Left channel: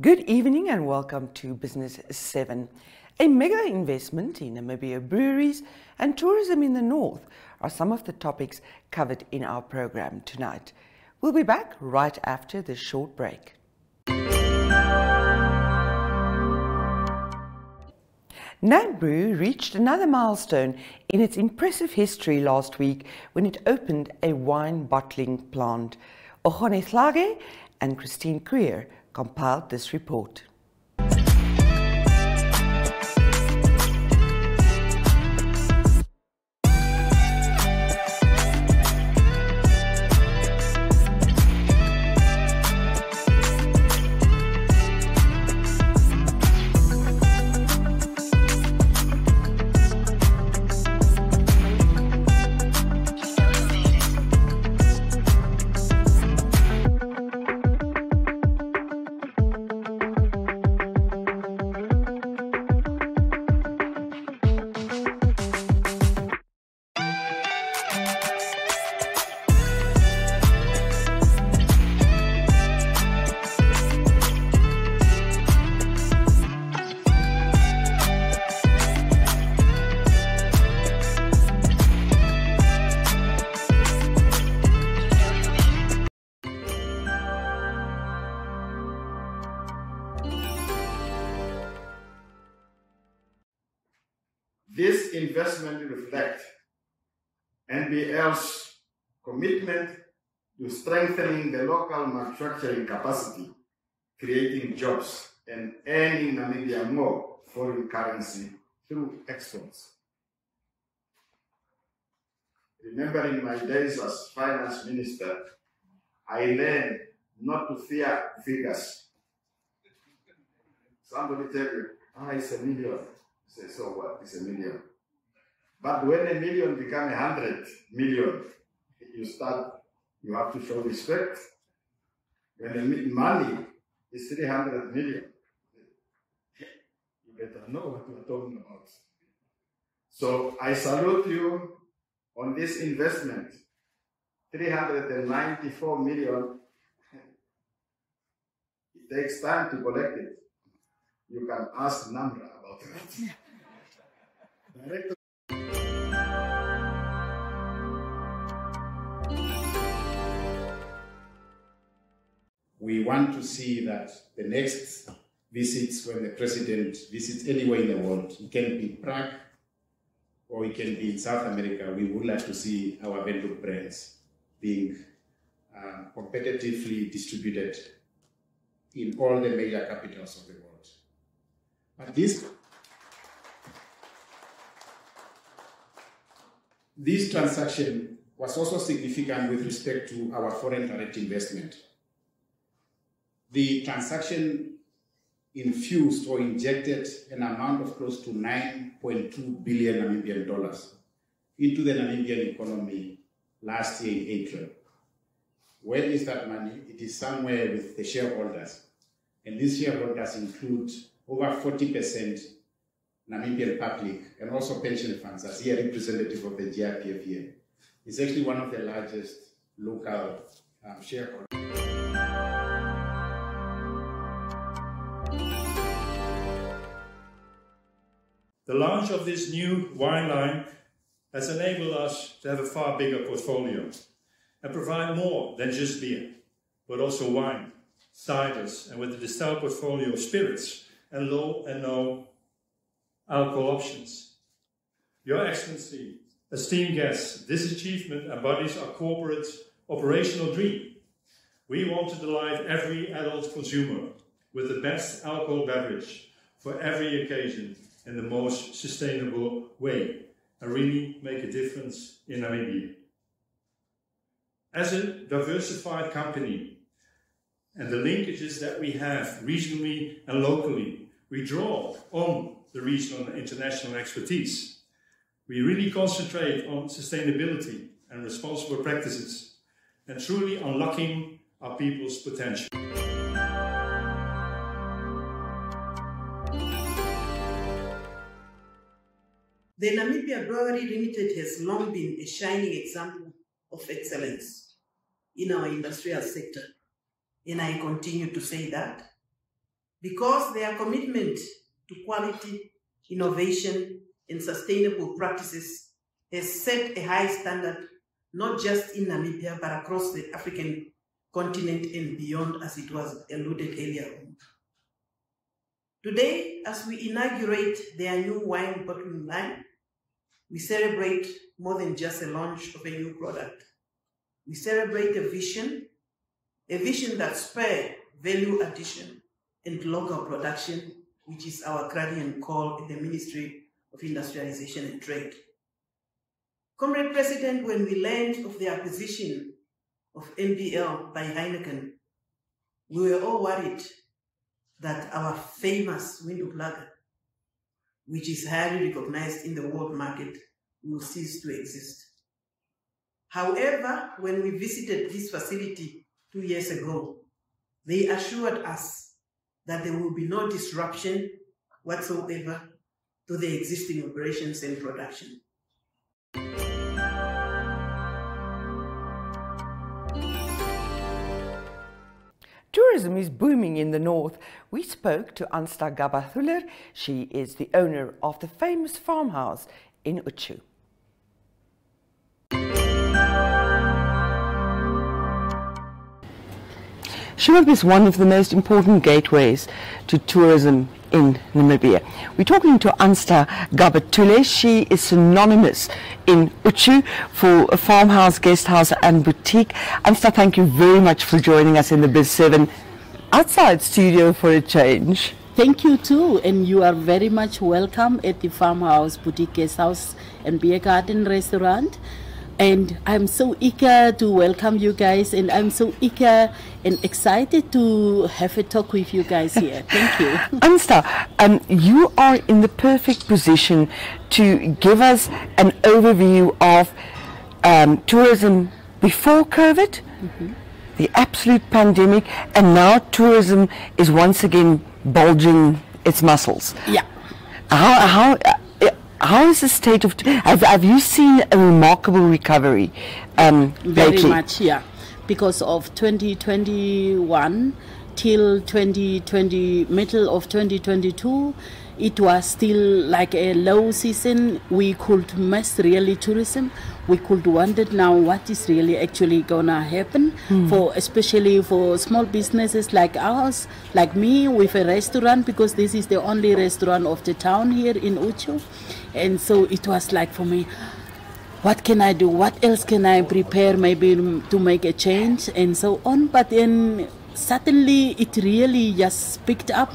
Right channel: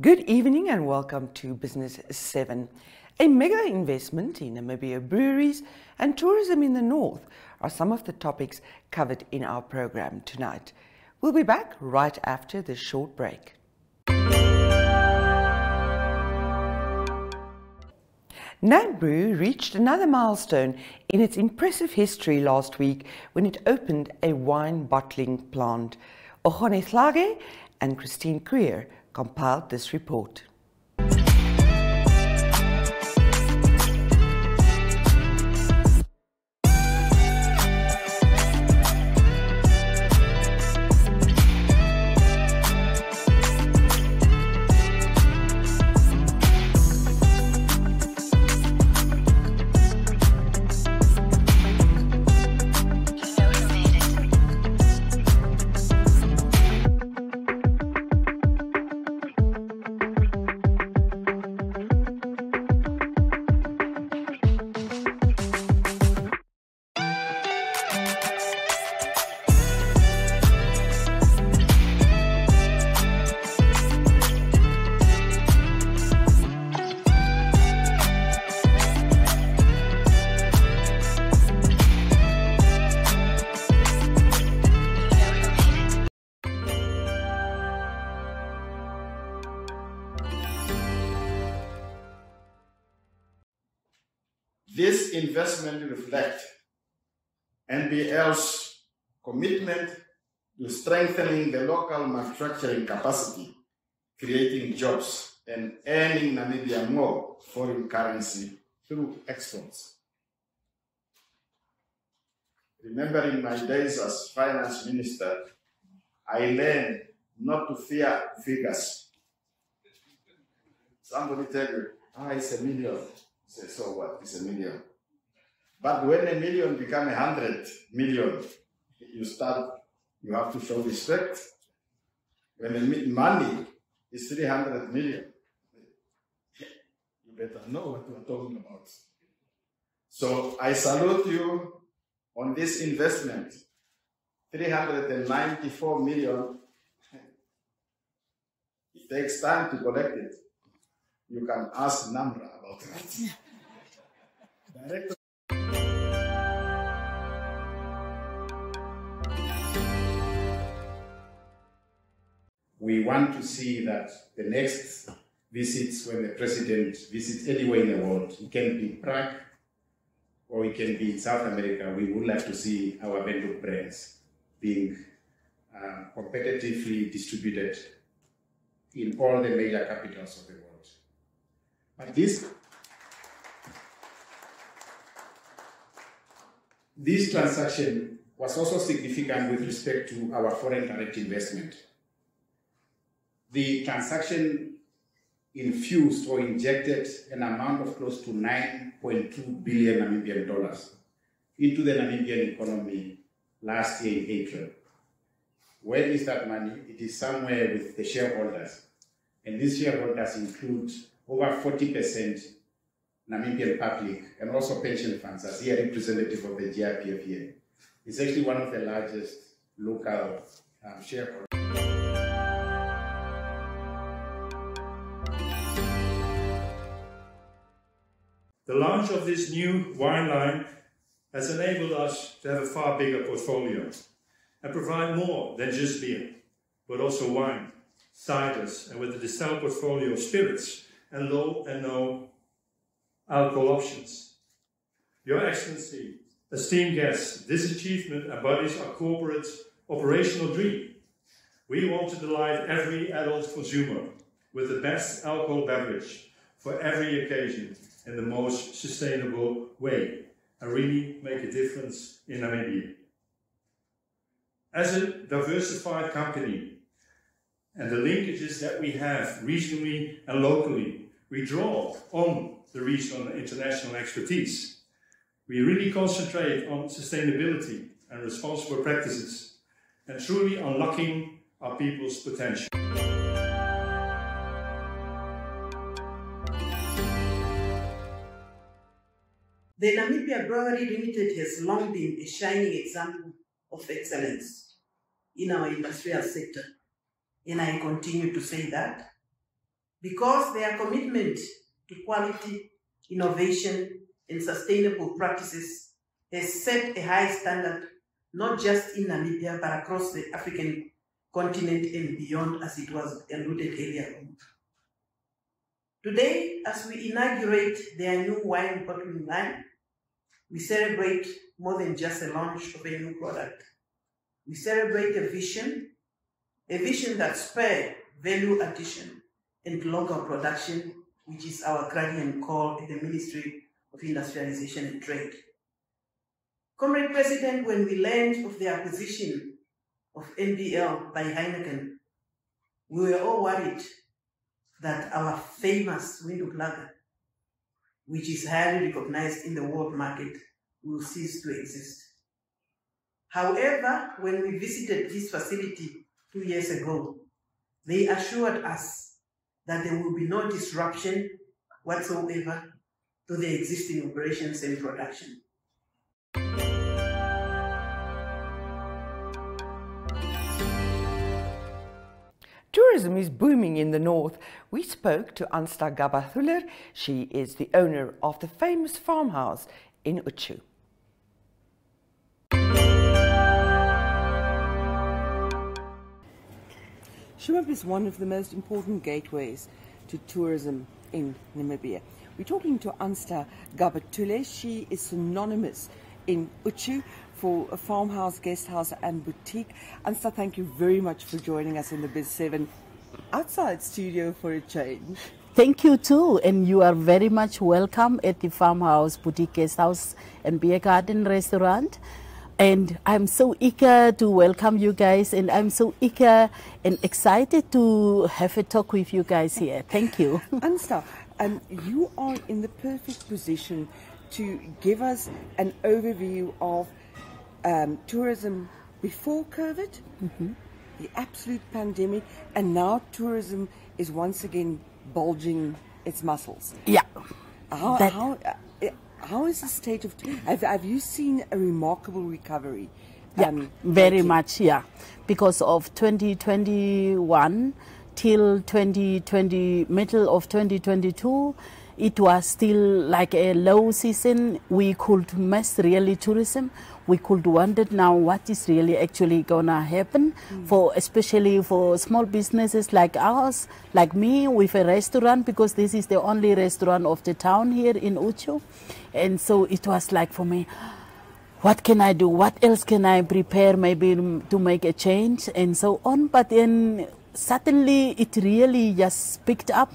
Good evening and welcome to Business 7. A mega investment in Namibia Breweries and tourism in the north are some of the topics covered in our program tonight. We'll be back right after this short break. Namibia reached another milestone in its impressive history last week when it opened a wine bottling plant. Ogone Slage and Christine Creer compiled this report. This investment reflects NBL's commitment to strengthening the local manufacturing capacity, creating jobs, and earning Namibia more foreign currency through exports. Remembering my days as finance minister, I learned not to fear figures. Somebody tell you, it's $1 million. Say, so what? It's $1 million. But when $1 million becomes 100 million, you have to show respect. When the money is 300 million, you better know what we're talking about. So I salute you on this investment, 394 million. It takes time to collect it. You can ask Namra about that. Director. We want to see that the next visits, when the president visits anywhere in the world, it can be Prague or it can be in South America, we would like to see our vendor brands being competitively distributed in all the major capitals of the world. But this transaction was also significant with respect to our foreign direct investment. The transaction infused or injected an amount of close to 9.2 billion Namibian dollars into the Namibian economy last year in April. Where is that money? It is somewhere with the shareholders. And these shareholders include over 40% Namibian public and also pension funds, as here representative of the GIPF here. It's actually one of the largest local shareholders. The launch of this new wine line has enabled us to have a far bigger portfolio and provide more than just beer, but also wine, ciders, and with the distilled portfolio of spirits and low and no alcohol options. Your Excellency, esteemed guests, this achievement embodies our corporate operational dream. We want to delight every adult consumer with the best alcohol beverage for every occasion in the most sustainable way and really make a difference in Namibia. As a diversified company and the linkages that we have regionally and locally, we draw on the regional and international expertise. We really concentrate on sustainability and responsible practices and truly unlocking our people's potential. The Namibia Brewery Limited has long been a shining example of excellence in our industrial sector, and I continue to say that. because their commitment to quality, innovation, and sustainable practices has set a high standard, not just in Namibia, but across the African continent and beyond, as it was alluded earlier on. Today, as we inaugurate their new wine bottling line, we celebrate more than just a launch of a new product. We celebrate a vision that spurred value addition and local production, which is our clarion call in the Ministry of Industrialization and Trade. Comrade President, when we learned of the acquisition of NBL by Heineken, we were all worried that our famous Windhoek lager, which is highly recognized in the world market, will cease to exist. However, when we visited this facility 2 years ago, they assured us that there will be no disruption whatsoever to the existing operations and production. Tourism is booming in the north. We spoke to Ansta Gabathuler. She is the owner of the famous farmhouse in Uchu. Shrimp is one of the most important gateways to tourism in Namibia. We're talking to Ansta Gabathuler. She is synonymous in Uchu for a farmhouse, guest house and boutique. Ansta, thank you very much for joining us in the Biz 7 outside studio for a change. Thank you too, and you are very much welcome at the farmhouse, boutique, guest house and beer garden restaurant. And I'm so eager to welcome you guys, and I'm so eager and excited to have a talk with you guys here. Thank you. Ansta, you are in the perfect position to give us an overview of tourism before COVID, the absolute pandemic, and now tourism is once again bulging its muscles. Yeah. How is the state of... Have you seen a remarkable recovery? Very lately? much, yeah. Because of 2021 till 2020, middle of 2022, it was still like a low season. We could miss really tourism. We could wonder now what is really actually gonna happen for, especially for small businesses like ours, like me with a restaurant, because this is the only restaurant of the town here in Uchu. And so it was like for me, what can I do? What else can I prepare maybe to make a change and so on? But then suddenly it really just picked up,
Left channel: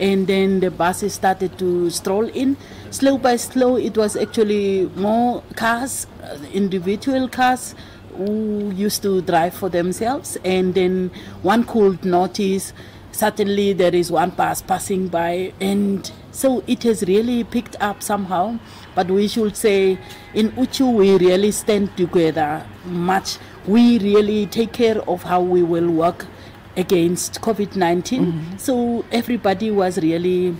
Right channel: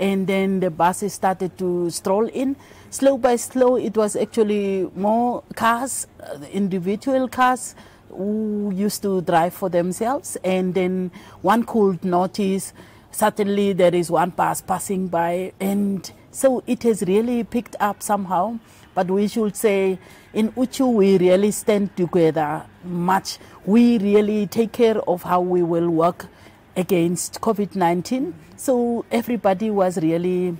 and then the buses started to stroll in. Slow by slow, it was actually more cars, individual cars who used to drive for themselves, and then one could notice suddenly there is one bus passing by, and so it has really picked up somehow. But we should say in Uchu we really stand together much. We really take care of how we will work against COVID-19. So everybody was really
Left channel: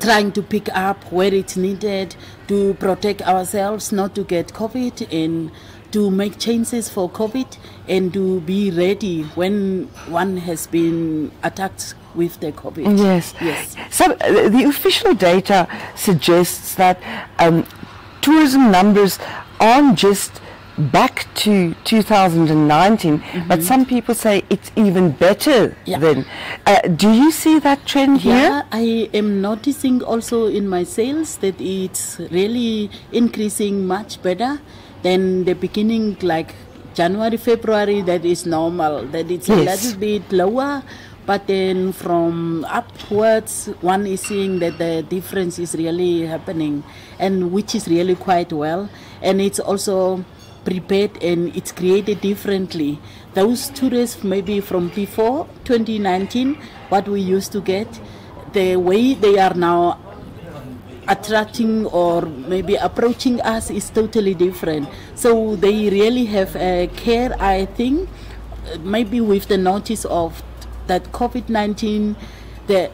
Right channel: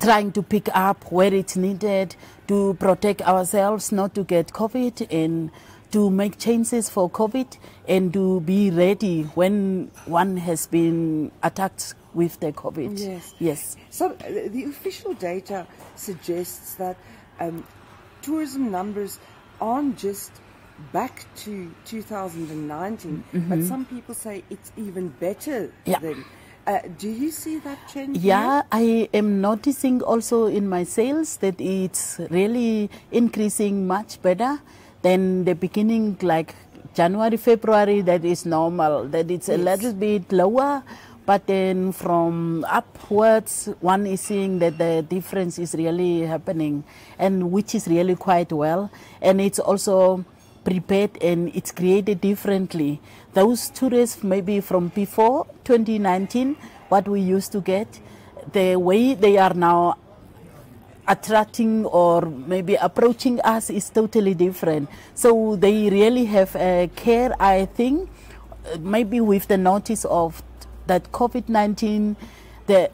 trying to pick up where it's needed to protect ourselves not to get COVID, and to make changes for COVID, and to be ready when one has been attacked with the COVID. Yes. Yes. So the official data suggests that tourism numbers aren't just back to 2019, but some people say it's even better than. Do you see that trend here? Yeah, I am noticing also in my sales that it's really increasing much better than the beginning, like January, February. That is normal, that it's a little bit lower, but then from upwards one is seeing that the difference is really happening, and which is really quite well. And it's also prepared and it's created differently. Those tourists maybe from before 2019, what we used to get, the way they are now attracting or maybe approaching us is totally different. So they really have a care, I think, maybe with the notice of that COVID-19, the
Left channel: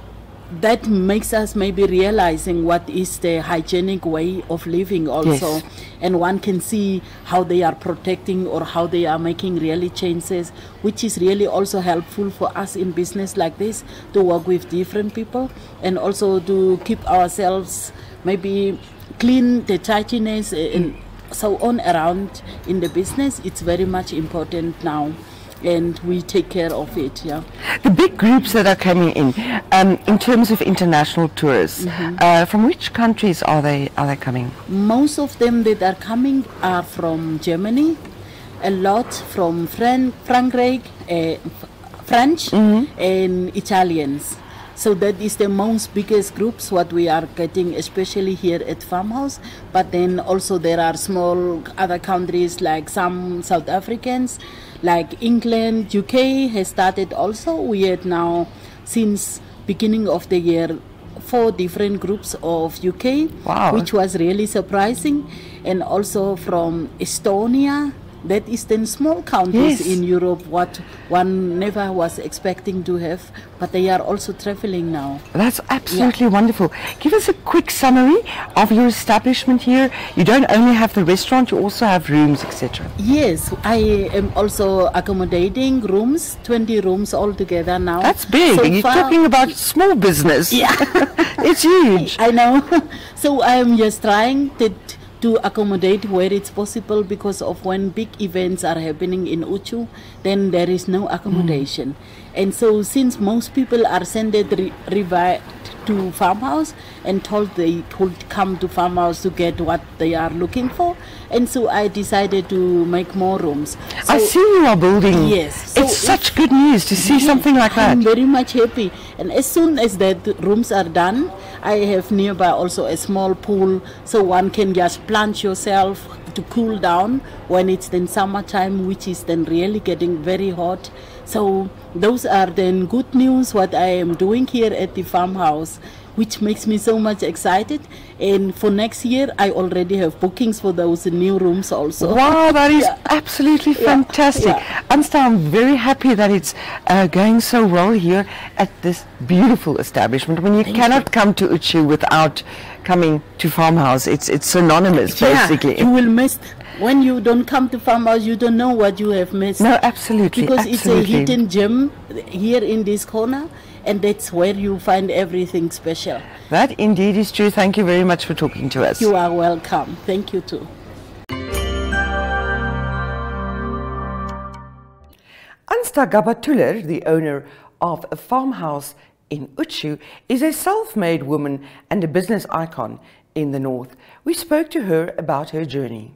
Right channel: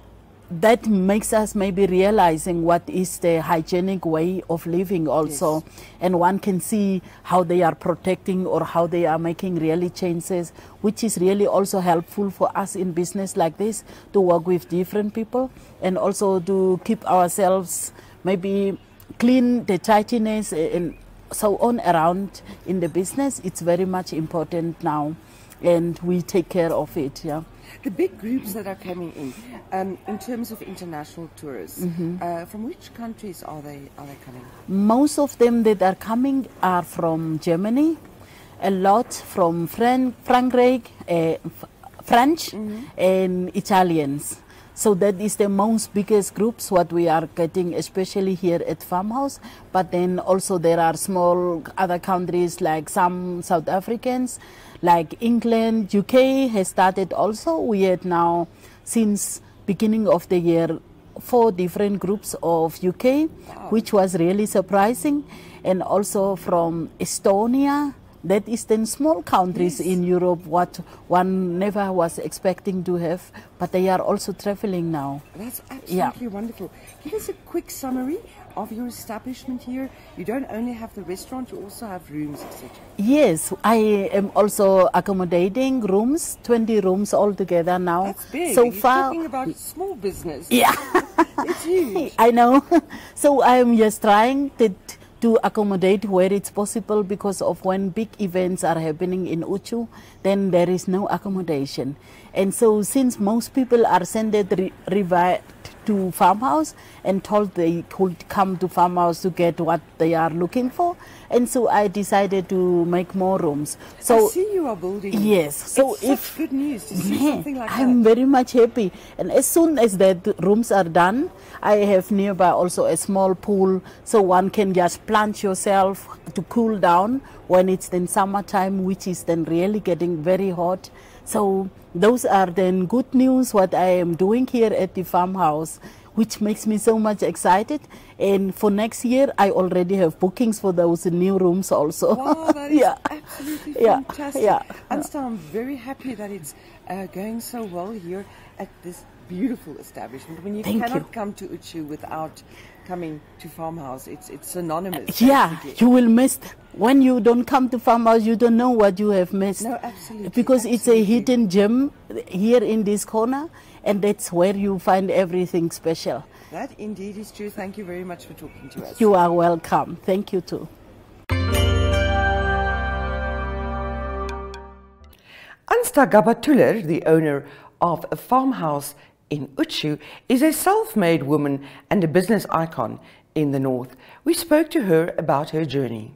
that makes us maybe realizing what is the hygienic way of living also. Yes. And one can see how they are protecting or how they are making really changes, which is really also helpful for us in business like this, to work with different people and also to keep ourselves maybe clean, the tidiness and so on around in the business. It's very much important now, and we take care of it. Yeah. The big groups that are coming in terms of international tourists, from which countries are they coming? Most of them that are coming are from Germany, a lot from French, and Italians. So that is the most biggest groups what we are getting, especially here at Farmhouse. But then also there are small other countries like some South Africans, like England, UK has started also. We had now, since beginning of the year, 4 different groups of UK, Wow. which was really surprising. And also from Estonia. That is then small countries Yes. in Europe, what one never was expecting to have, but they are also traveling now. That's absolutely wonderful. Give us a quick summary of your establishment here. You don't only have the restaurant, you also have rooms, etc. Yes, I am also accommodating rooms, 20 rooms altogether now. That's big. So You're far- talking about small business. Yeah. It's huge. I know. So I'm just trying to accommodate where it's possible, because of when big events are happening in Uchu, then there is no accommodation. And so since most people are sent revert to Farmhouse and told they could come to Farmhouse to get what they are looking for, and so I decided to make more rooms. So I see you are building. Yes. So It's such good news to see something like that. I'm very much happy. And as soon as the rooms are done, I have nearby also a small pool, so one can just plunge yourself to cool down when it's then summertime, which is then really getting very hot. So those are then good news what I am doing here at the Farmhouse, which makes me so much excited. And for next year, I already have bookings for those new rooms also. Wow, that is Yeah. absolutely Yeah, fantastic. yeah. Ansta, I'm very happy that it's going so well here at this beautiful establishment. When you cannot come to Uchu without coming to Farmhouse, it's synonymous, basically. Yeah, you will miss. When you don't come to Farmhouse, you don't know what you have missed. No, absolutely. Because absolutely. it's a hidden gem here in this corner, and that's where you find everything special. That indeed is true. Thank you very much for talking to us. You are welcome. Thank you too. Ansta Gabatuller, the owner of a farmhouse in Uchu, is a self-made woman and a business icon in the north. We spoke to her about her journey.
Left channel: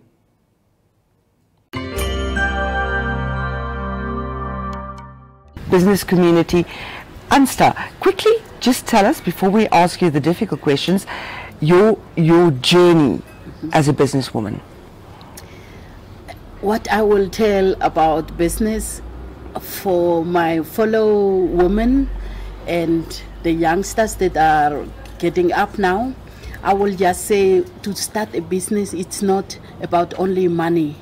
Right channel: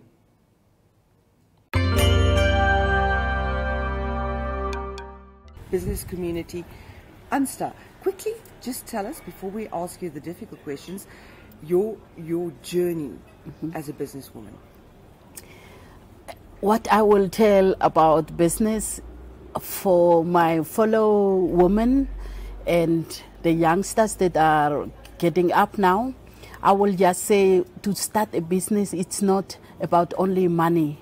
Business community. Ansta, quickly just tell us, before we ask you the difficult questions, your journey as a businesswoman. What I will tell about business for my fellow women and the youngsters that are getting up now, I will just say, to start a business, it's not about only money.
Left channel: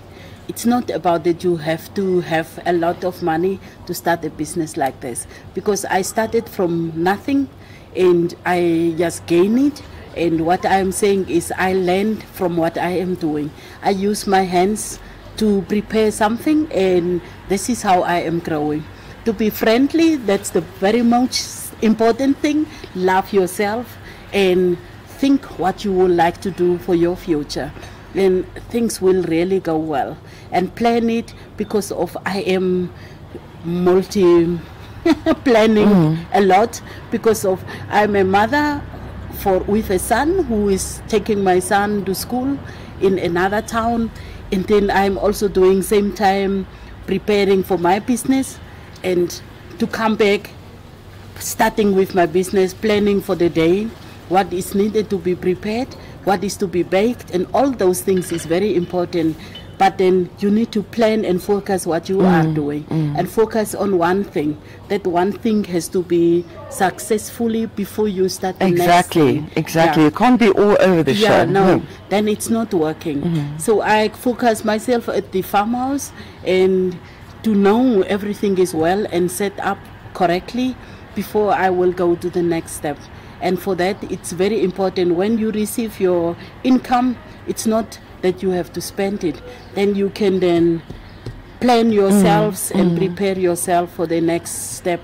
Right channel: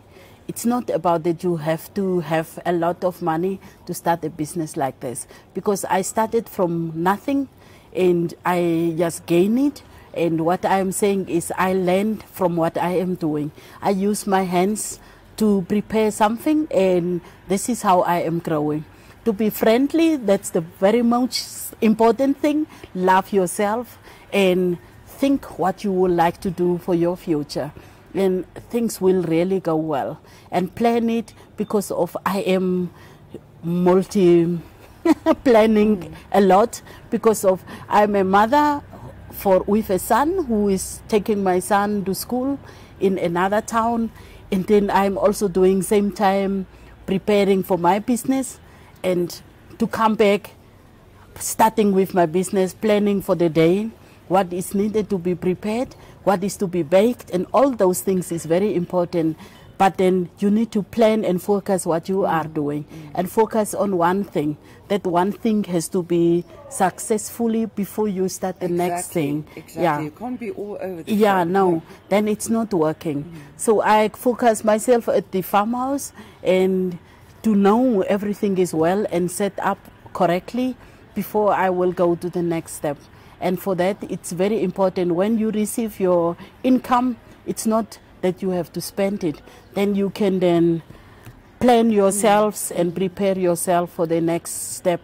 It's not about that you have to have a lot of money to start a business like this. Because I started from nothing and I just gained it. And what I'm saying is I learned from what I am doing. I use my hands to prepare something, and this is how I am growing. To be friendly, that's the very most important thing. Love yourself and think what you would like to do for your future. Then things will really go well. And plan it, because of I am planning a lot, because of I'm a mother with a son who is taking my son to school in another town, and then I'm also doing same time preparing for my business, and to come back, starting with my business, planning for the day, what is needed to be prepared, what is to be baked, and all those things is very important. But then you need to plan and focus what you are doing, and focus on one thing. That one thing has to be successfully before you start the next thing. Exactly. Yeah. You can't be all over the show. Yeah, no, then it's not working. So I focus myself at the farmhouse, and to know everything is well and set up correctly before I will go to the next step. And for that, it's very important when you receive your income, it's not that you have to spend it. Then you can then plan yourselves and prepare yourself for the next step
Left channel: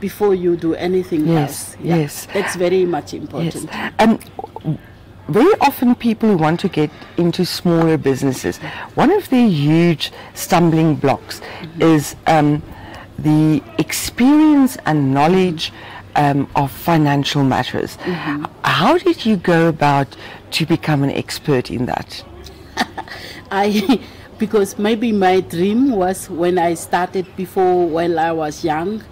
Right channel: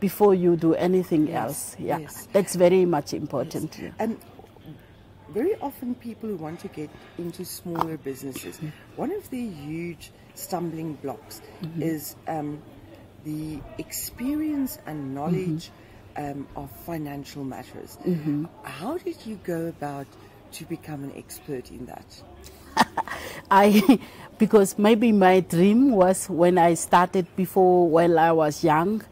before you do anything else. Yeah. Yes. That's very much important. Yes. Very often people who want to get into smaller businesses, one of the huge stumbling blocks is the experience and knowledge of financial matters. How did you go about to become an expert in that? Because maybe my dream was when I started before, while I was young,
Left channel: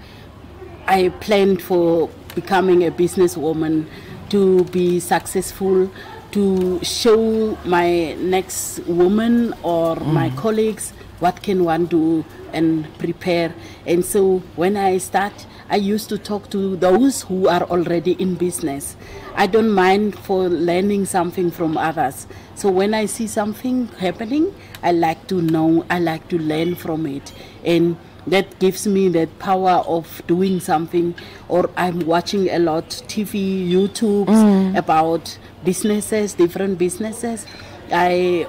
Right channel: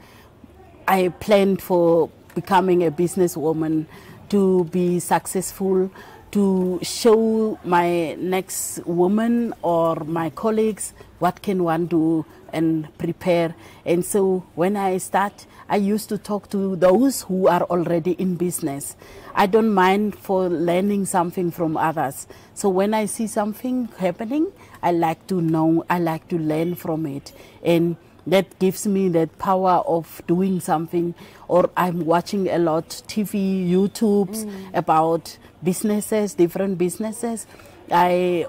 I planned for becoming a businesswoman, to be successful, to show my next woman or my colleagues what can one do and prepare. And so when I start, I used to talk to those who are already in business. I don't mind for learning something from others. So when I see something happening, I like to know, I like to learn from it. And that gives me that power of doing something. Or I'm watching a lot TV, YouTubes about businesses, different businesses. I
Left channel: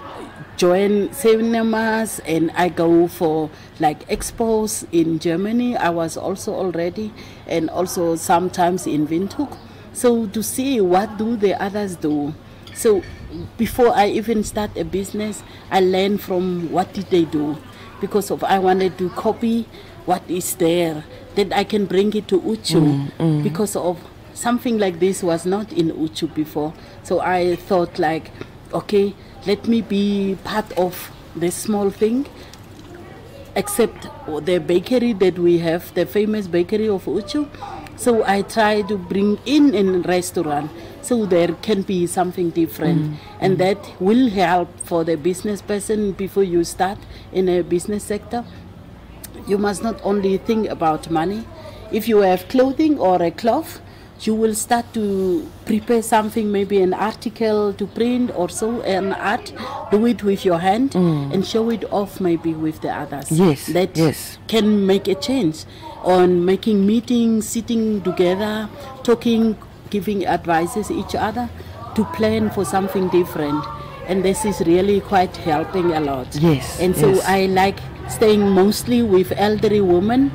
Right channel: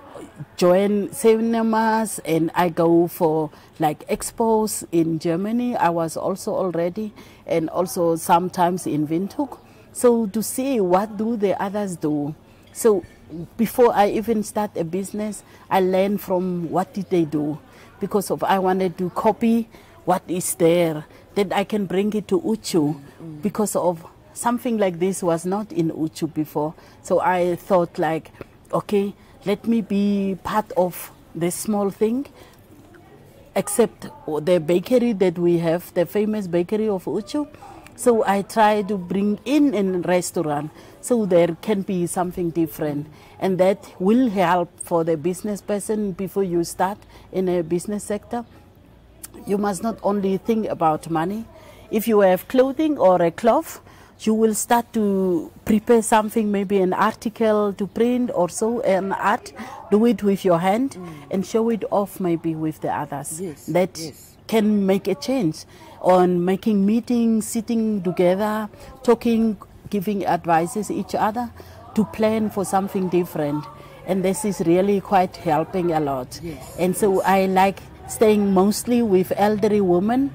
join cinemas and I go for like expos in Germany. I was also already, and also sometimes in Windhoek. So to see what do the others do. So before I even start a business, I learn from what did they do. Because of I wanted to copy what is there, that I can bring it to Uchu. Because of something like this was not in Uchu before. So I thought like, okay, let me be part of this small thing, except the bakery that we have, the famous bakery of Uchu. So I try to bring in a restaurant so there can be something different. And that will help for the business person before you start in a business sector. You must not only think about money. If you have clothing or a cloth, you will start to prepare something, maybe an article to print or so, an art, do it with your hand and show it off maybe with the others. That can make a change on making meetings, sitting together, talking, giving advices each other to plan for something different. And this is really quite helping a lot. And so I like staying mostly with elderly women.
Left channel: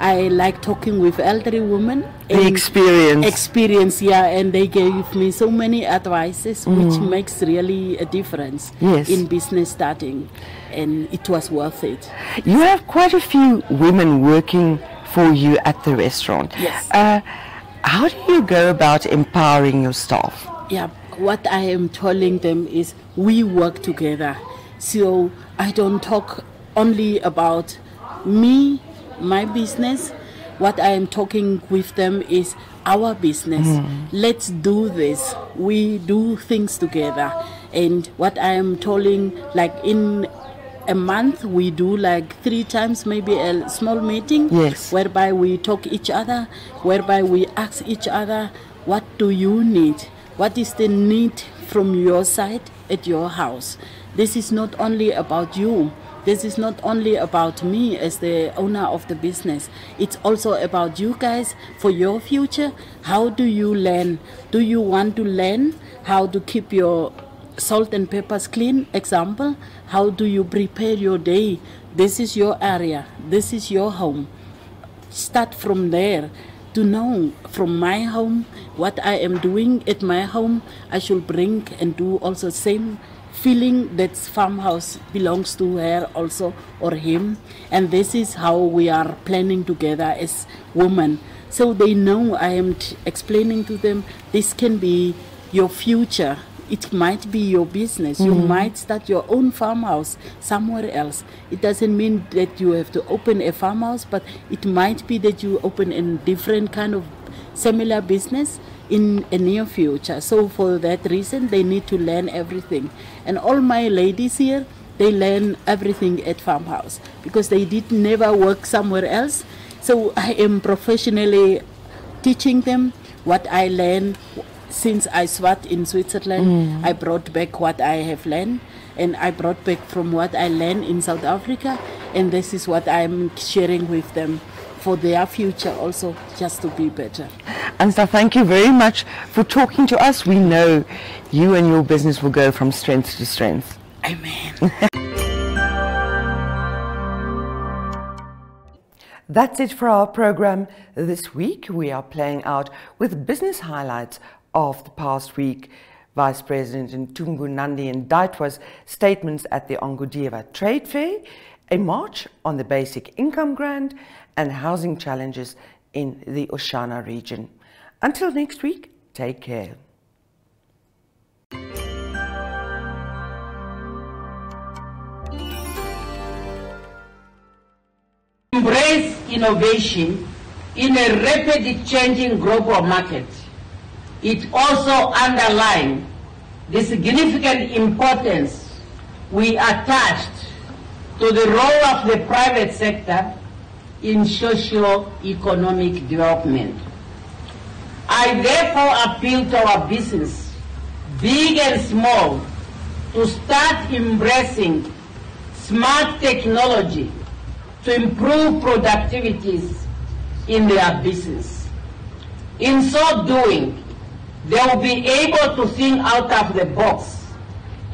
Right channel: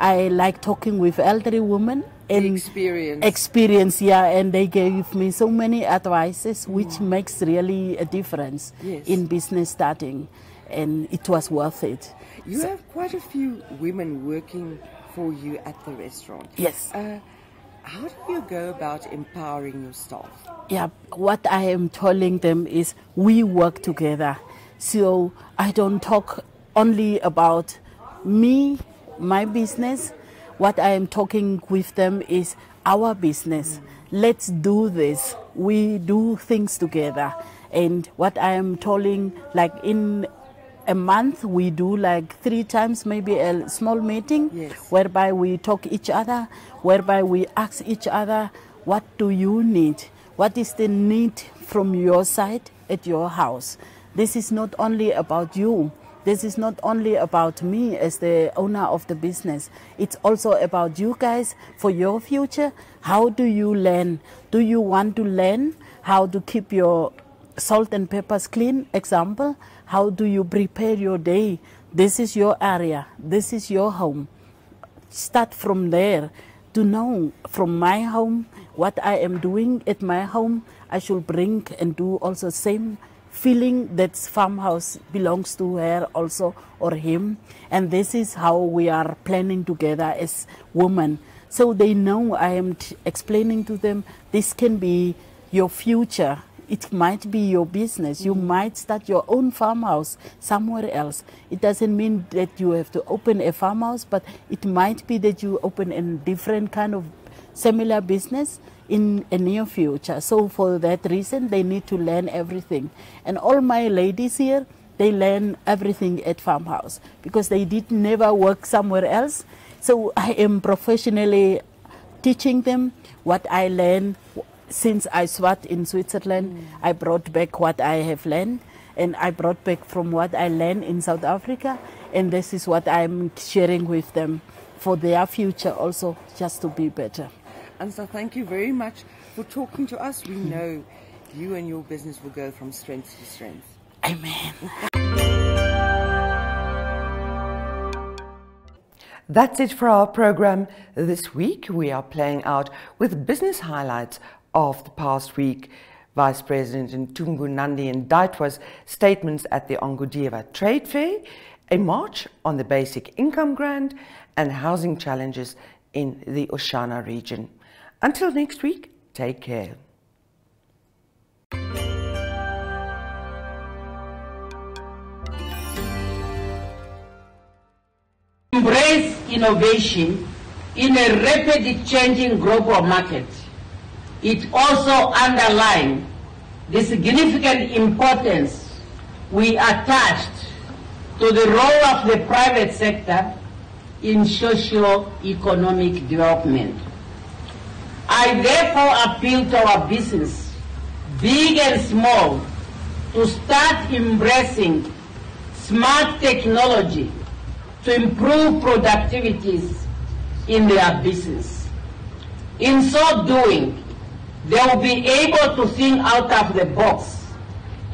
I like talking with elderly women. The experience. And they gave me so many advices which makes really a difference in business starting, and it was worth it. You have quite a few women working for you at the restaurant. How do you go about empowering your staff? What I am telling them is we work together. So I don't talk only about me, my business. What I am talking with them is our business. Let's do this. We do things together. And what I am telling, like in a month, we do like 3 times maybe a small meeting whereby we talk each other, whereby we ask each other, what do you need? What is the need from your side at your house? This is not only about you. This is not only about me as the owner of the business. It's also about you guys for your future. How do you learn? Do you want to learn how to keep your salt and peppers clean? Example, how do you prepare your day? This is your area. This is your home. Start from there to know from my home what I am doing at my home. I should bring and do also same feeling that farmhouse belongs to her also or him, and this is how we are planning together as women. So they know I am explaining to them this can be your future. It might be your business. You might start your own farmhouse somewhere else. It doesn't mean that you have to open a farmhouse, but it might be that you open a different kind of similar business in a near future. So for that reason, they need to learn everything. And all my ladies here, they learn everything at farmhouse because they did never work somewhere else. So I am professionally teaching them what I learned since I swat in Switzerland. I brought back what I have learned, and I brought back from what I learned in South Africa, and this is what I'm sharing with them for their future also, just to be better. Ansta, thank you very much for talking to us. We know you and your business will go from strength to strength. Amen. That's it for our program this week. We are playing out with business highlights of the past week. Vice President Ntungu Nandi Ndaitwa's statements at the Ongudiva Trade Fair, a march on the basic income grant, and housing challenges in the Oshana region. Until next week, take care. Embrace innovation in a rapidly changing global market. It also underlines the significant importance we attached to the role of the private sector in socio-economic development. I therefore appeal to our business, big and small, to start embracing smart technology to improve productivities in their business. In so doing, they will be able to think out of the box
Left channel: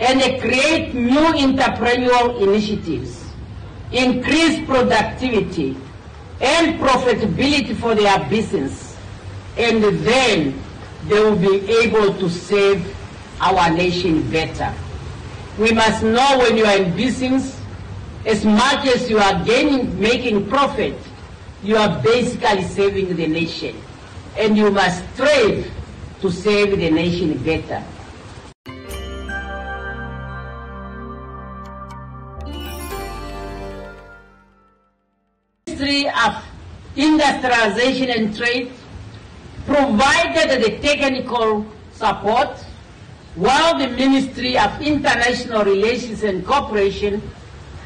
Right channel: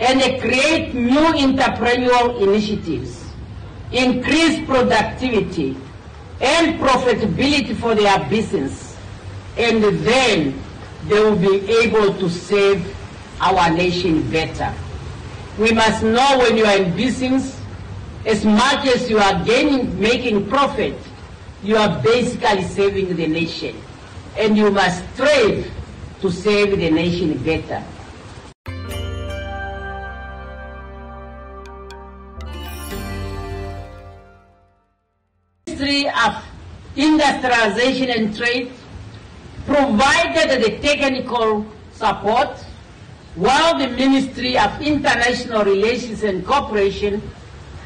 and create new entrepreneurial initiatives, increase productivity and profitability for their business, and then they will be able to serve our nation better. We must know when you are in business, as much as you are making profit, you are basically saving the nation. And you must strive to serve the nation better. Ministry of Industrialization and Trade provided the technical support, while the Ministry of International Relations and Cooperation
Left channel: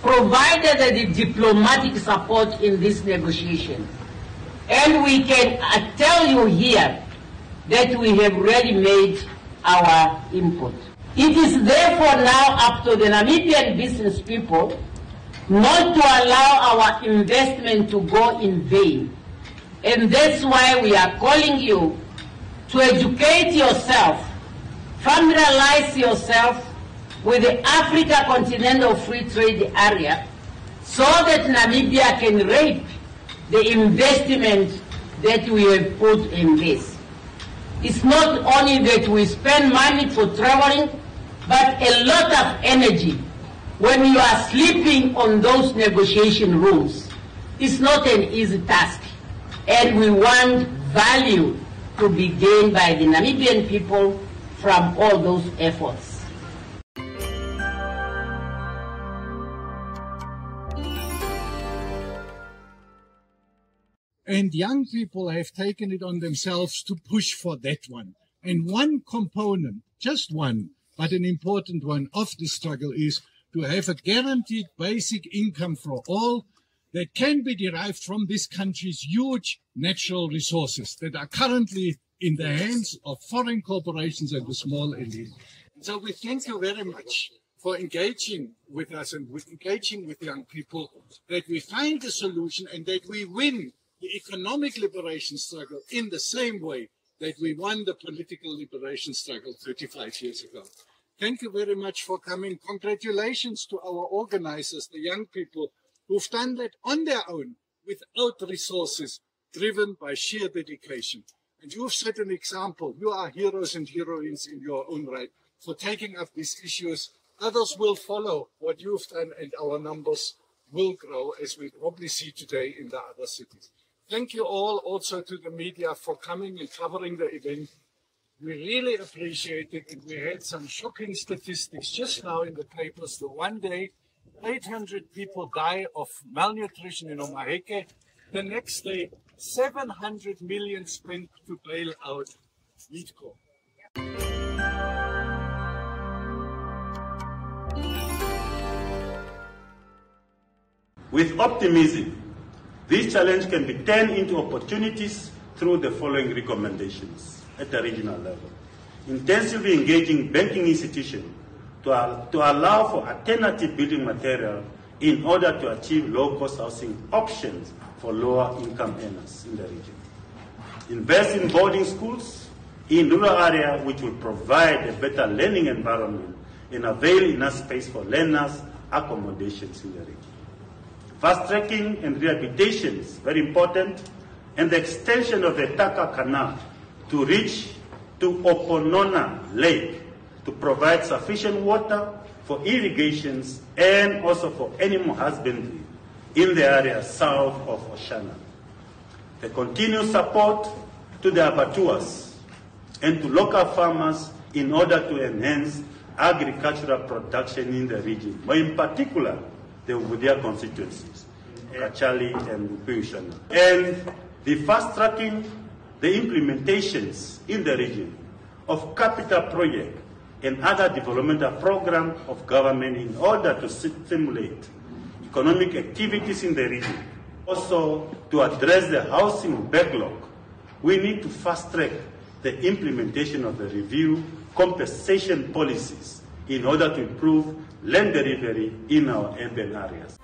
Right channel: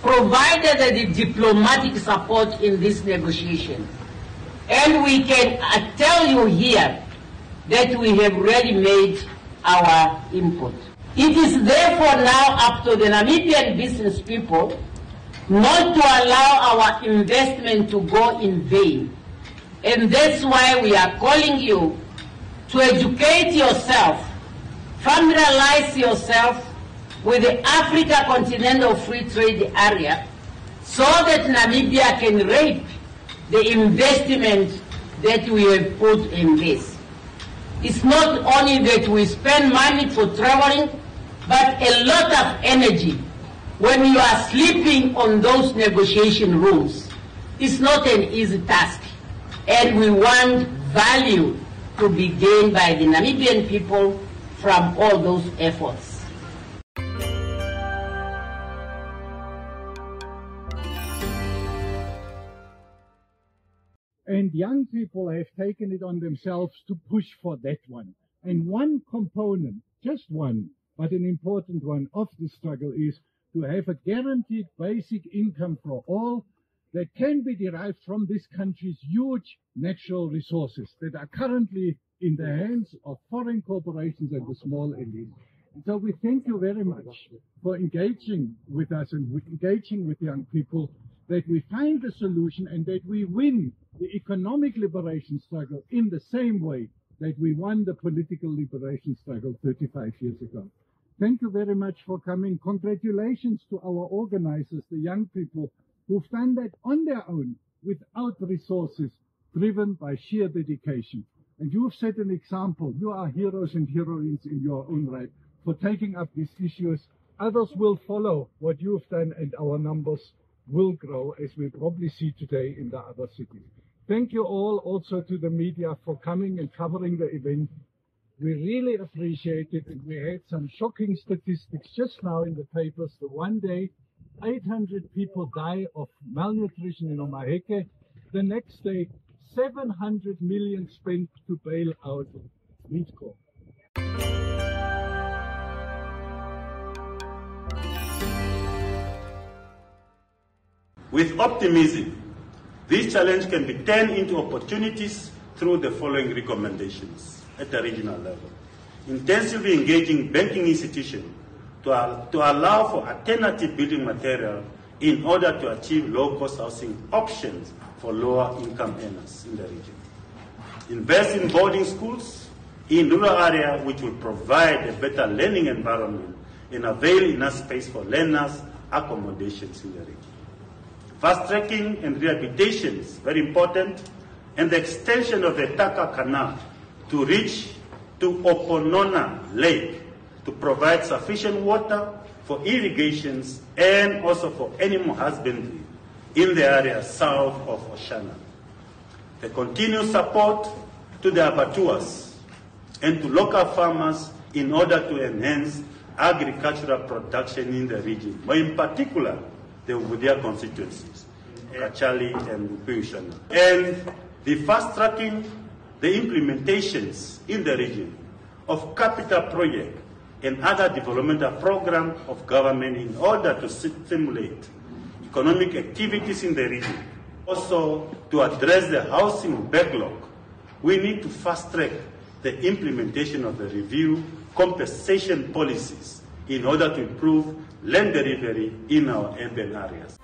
provided the diplomatic support in this negotiation. And we can tell you here that we have already made our input. It is therefore now up to the Namibian business people not to allow our investment to go in vain. And that's why we are calling you to educate yourself, familiarize yourself with the Africa Continental Free Trade Area so that Namibia can reap the investment that we have put in this. It's not only that we spend money for traveling, but a lot of energy. When you are sleeping on those negotiation rooms, it's not an easy task. And we want value to be gained by the Namibian people from all those efforts. And young people have taken it on themselves to push for that one. And one component, just one, but an important one of the struggle is to have a guaranteed basic income for all that can be derived from this country's huge natural resources that are currently in the hands of foreign corporations and the small elite. And so we thank you very much for engaging with us and engaging with young people, that we find a solution and that we win the economic liberation struggle in the same way that we won the political liberation struggle 35 years ago. Thank you very much for coming. Congratulations to our organizers, the young people who've done that on their own, without resources, driven by sheer dedication. And you've set an example. You are heroes and heroines in your own right for taking up these issues. Others will follow what you've done, and our numbers will grow, as we probably see today in the other cities. Thank you all, also to the media, for coming and covering the event. We really appreciate it. And we had some shocking statistics just now in the papers. The one day, 800 people die of malnutrition in Omaheke. The next day, 700 million spent to bail out Leadco. With optimism, this challenge can be turned into opportunities through the following recommendations at the regional level. Intensively engaging banking institutions to allow for alternative building material in order to achieve low-cost housing options for lower income earners in the region. invest in boarding schools in rural areas which will provide a better learning environment and avail enough space for learners' accommodations in the region. Fast-tracking and rehabilitation is very important, and the extension of the Taka Canal to reach to Oponona Lake to provide sufficient water for irrigations and also for animal husbandry in the area south of Oshana. The continued support to the abattoirs and to local farmers in order to enhance agricultural production in the region, but in particular the Ubudia constituencies, Kachali and Ushana. And the fast-tracking the implementations in the region of capital projects and other developmental programs of government in order to stimulate economic activities in the region. Also, to address the housing backlog, we need to fast-track the implementation of the review compensation policies in order to improve land delivery in our urban areas.